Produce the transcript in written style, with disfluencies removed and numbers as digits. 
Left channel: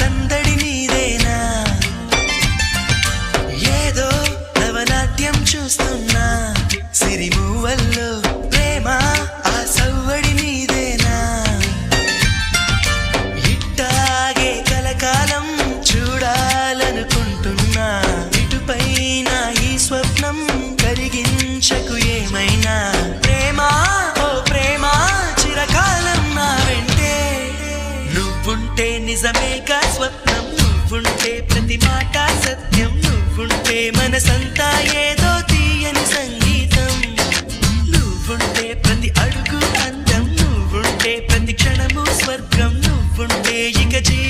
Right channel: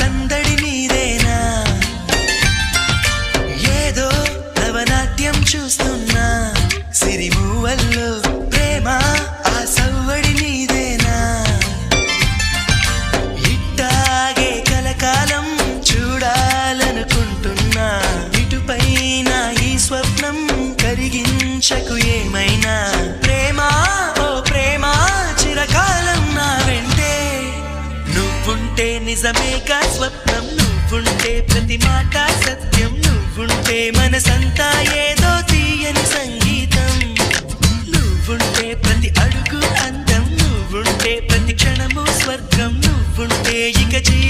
సందడి నీదేనా ఏదో నవనాట్యం చూస్తున్నా సిరిమూవల్లో ప్రేమ ఆ సవ్వడి నీదేనా ఇట్టాగే కలకాలం చూడాలనుకుంటున్నా ఇటుపైన ఈ స్వప్నం కరిగించకు ఏమైనా ప్రేమ ఓ ప్రేమ చిరకాలం నా వెంటే నువ్వుంటే నిజమేగా స్వప్నం నువ్వుంటే ప్రతి మాట సత్యం నువ్వుంటే మనసంతా ఏదో తీయని సంగీతం నువ్వుంటే ప్రతి అడుగు అందం నువ్వుంటే ప్రతి క్షణము స్వర్గం నువ్వుంటే ఇక జీవి